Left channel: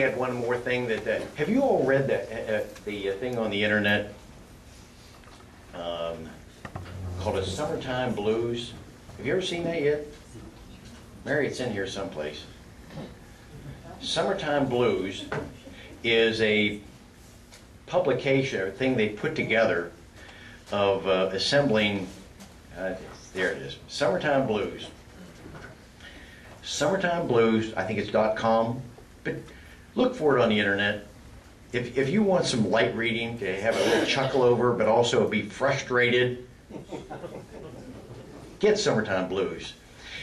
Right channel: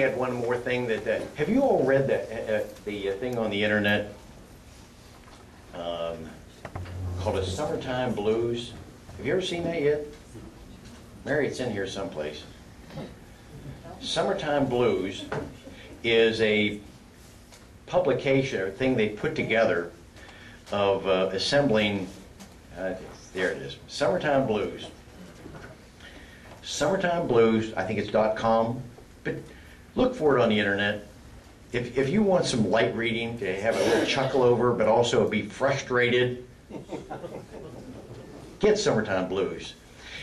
had one more thing that, have you all read the thing on the internet called a Summertime Blues? Have you ever seen that yet? Mary, it's in here someplace. Summertime Blues is a publication or thing they put together of assembling, there it is, Summertime Blues. Summertime Blues, I think it's .com, but look for it on the internet. If you want some light reading to have a little chuckle over, but also be frustrated, get Summertime Blues.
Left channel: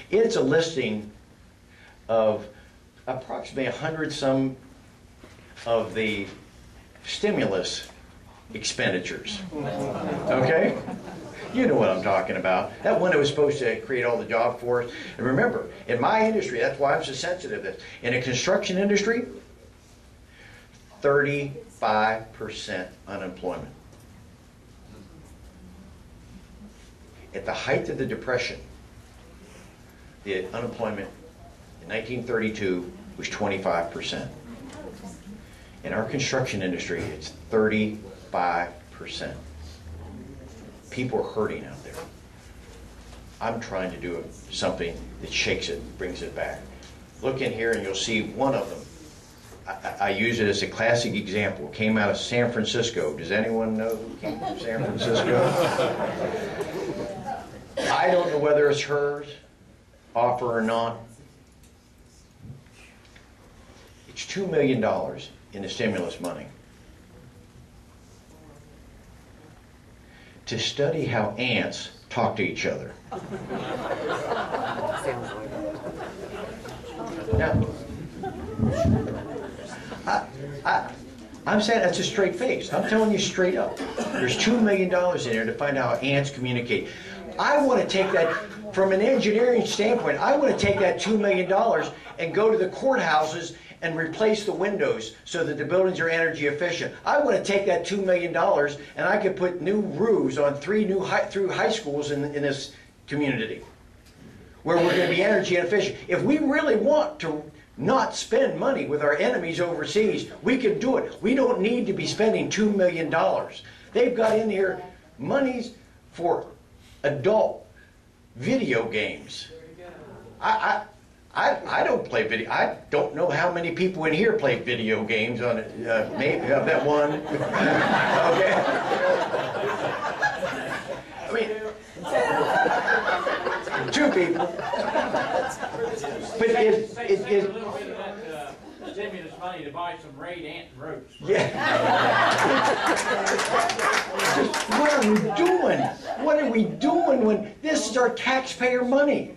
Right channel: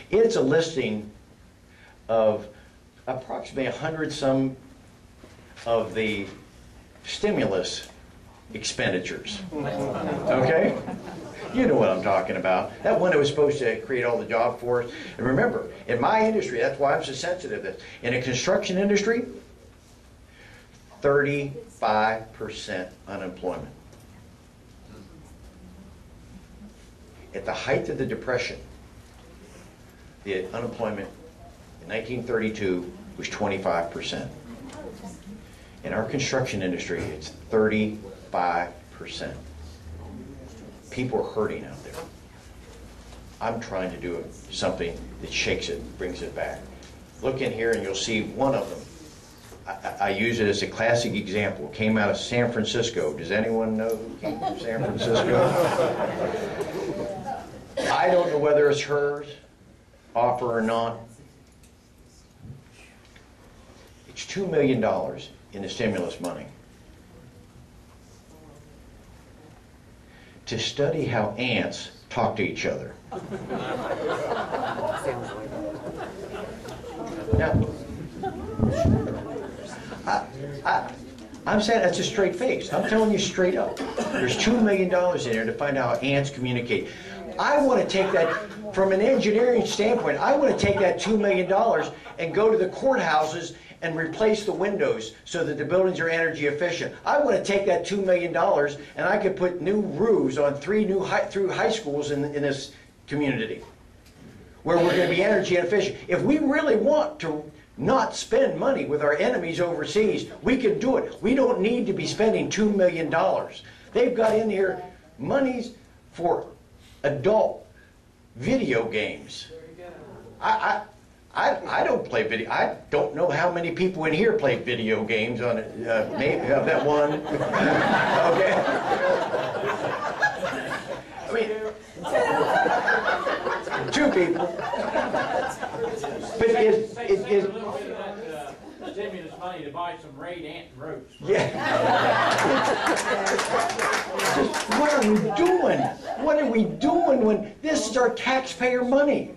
It's a listing of approximately 100 some of the stimulus expenditures. Okay? You know what I'm talking about. That one that was supposed to create all the job for us. And remember, in my industry, that's why I'm so sensitive to this. In the construction industry, 35% unemployment. At the height of the Depression, the unemployment in 1932 was 25%. In our construction industry, it's 35%. People are hurting out there. I'm trying to do something that shakes it, brings it back. Look in here and you'll see one of them. I use it as a classic example. It came out of San Francisco. Does anyone know who came from San Francisco? I don't know whether it's hers, offer or not. It's $2 million in the stimulus money to study how ants talk to each other. Now, I'm saying that's a straight face. I'm telling you straight up. There's $2 million in there to find out how ants communicate. I want to take that, from an engineering standpoint, I want to take that $2 million and go to the courthouses and replace the windows so that the buildings are energy efficient. I want to take that $2 million and I could put new roofs on 3 new high schools in this community where we're going to be energy efficient. If we really want to not spend money with our enemies overseas, we can do it. We don't need to be spending $2 million. They've got in here monies for adult video games. I don't play video. I don't know how many people in here play video games on it. Maybe I've that one. Okay. I mean, 2 people. But it stimulus money to buy some Raid ant ropes. Yeah. What are we doing? What are we doing when this is our taxpayer money?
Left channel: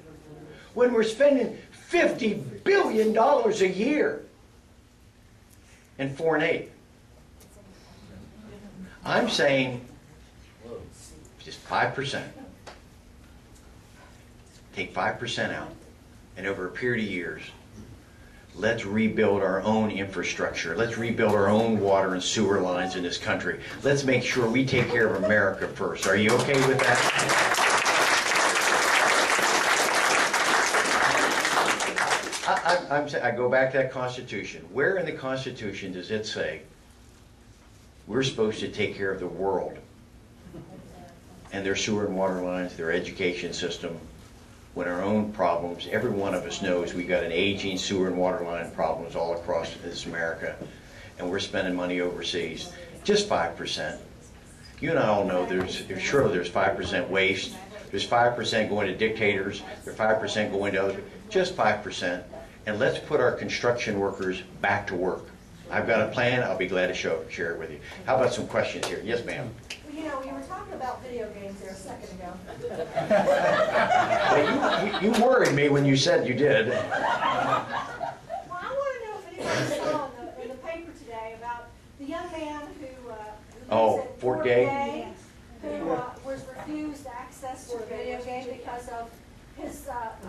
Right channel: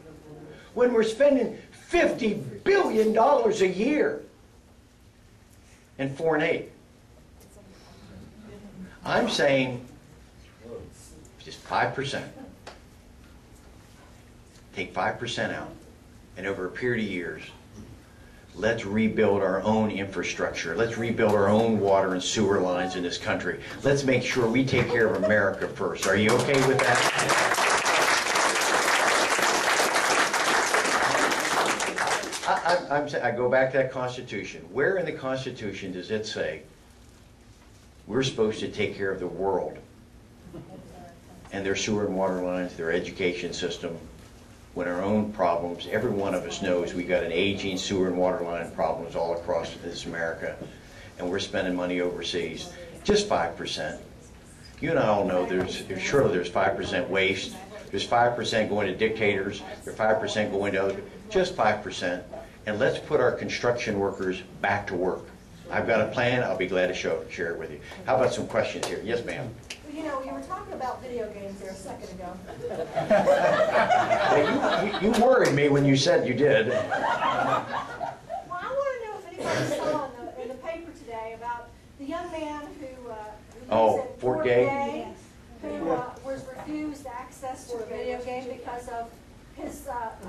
When we're spending $50 billion a year in foreign aid. I'm saying just 5%. Take 5% out, and over a period of years, let's rebuild our own infrastructure. Let's rebuild our own water and sewer lines in this country. Let's make sure we take care of America first. Are you okay with that? I go back to that Constitution. Where in the Constitution does it say we're supposed to take care of the world and their sewer and water lines, their education system, when our own problems, every one of us knows we got an aging sewer and water line problems all across this America, and we're spending money overseas. Just 5%. You and I all know surely there's 5% waste. There's 5% going to dictators. There's 5% going to other people. Just 5%. And let's put our construction workers back to work. I've got a plan. I'll be glad to share it with you. How about some questions here? Yes, ma'am. Well, you know, you were talking about video games there a second ago. Well, you worried me when you said you did. Well, I want to know if anybody saw in the paper today about the young man who lives at Fort Gay, who was refused access to a video game because of his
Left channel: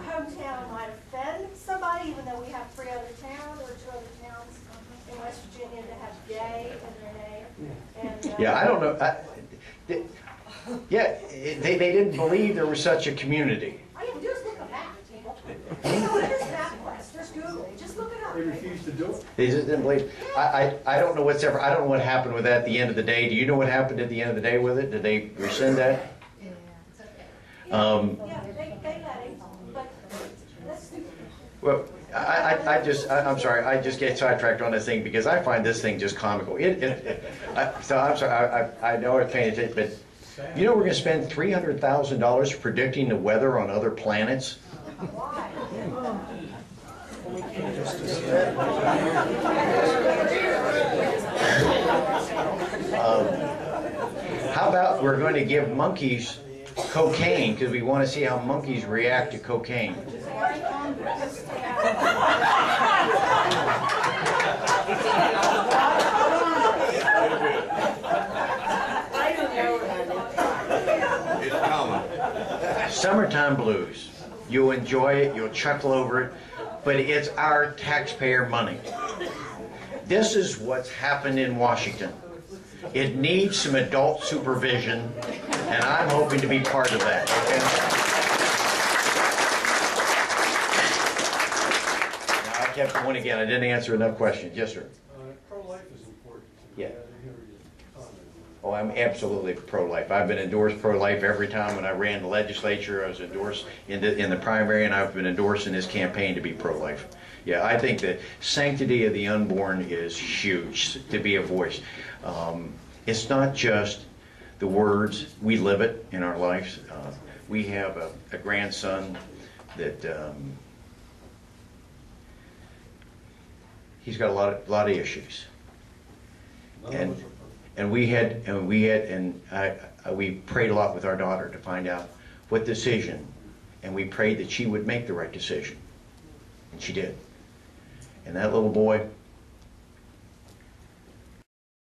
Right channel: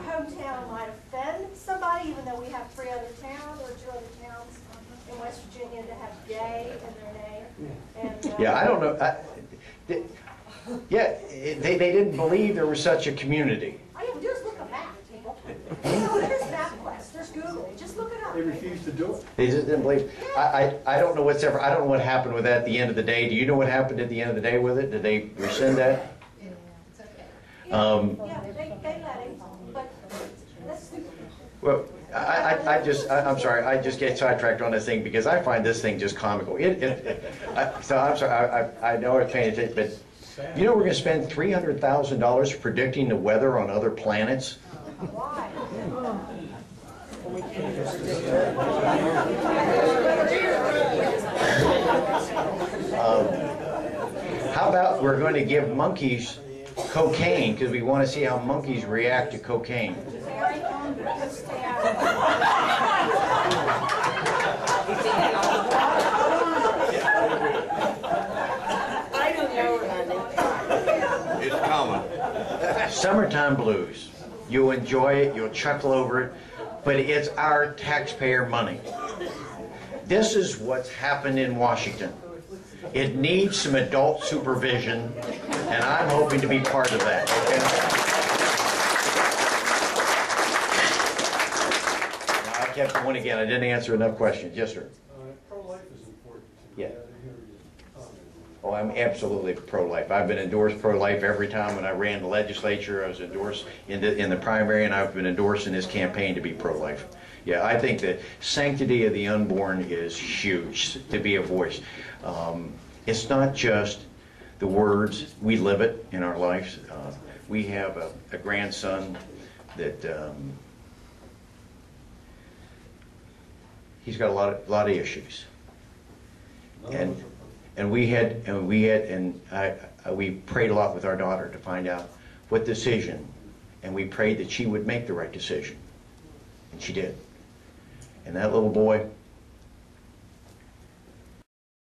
hometown might offend somebody, even though we have 3 other towns or 2 other towns in West Virginia that have gay in their name. And, yeah, I don't know. They didn't believe there was such a community. All you have to do is look a map, people. You know, there's MapQuest, there's Google. Just look it up. They refused to to do it. They just didn't believe. I don't know what's ever, I don't know what happened with that at the end of the day. Do you know what happened at the end of the day with it? Did they rescind that? Yeah, they let him, but that's stupid. Well, I'm sorry, I just get sidetracked on this thing because I find this thing just comical. So I'm sorry, I know I'm paying attention, but you know we're gonna spend $300,000 predicting the weather on other planets? Why? How about we're going to give monkeys cocaine because we want to see how monkeys react to cocaine? It's coming. Summertime blues. You'll enjoy it, you'll chuckle over it, but it's our taxpayer money. This is what's happened in Washington. It needs some adult supervision, and I'm hoping to be part of that, okay? Now, I kept going again. I didn't answer enough questions. Yes, sir. Pro-life is important to me. Yeah. I didn't hear you comment on Oh, I'm absolutely pro-life. I've been endorsed pro-life every time when I ran the legislature. I was endorsed in the primary, and I've been endorsed in this campaign to be pro-life. Yeah, I think the sanctity of the unborn is huge to be a voice. It's not just the words. We live it in our lives. We have a grandson that he's got a lot of issues. it. We prayed a lot with our daughter to find out what decision, and we prayed that she would make the right decision, and she did. And that little boy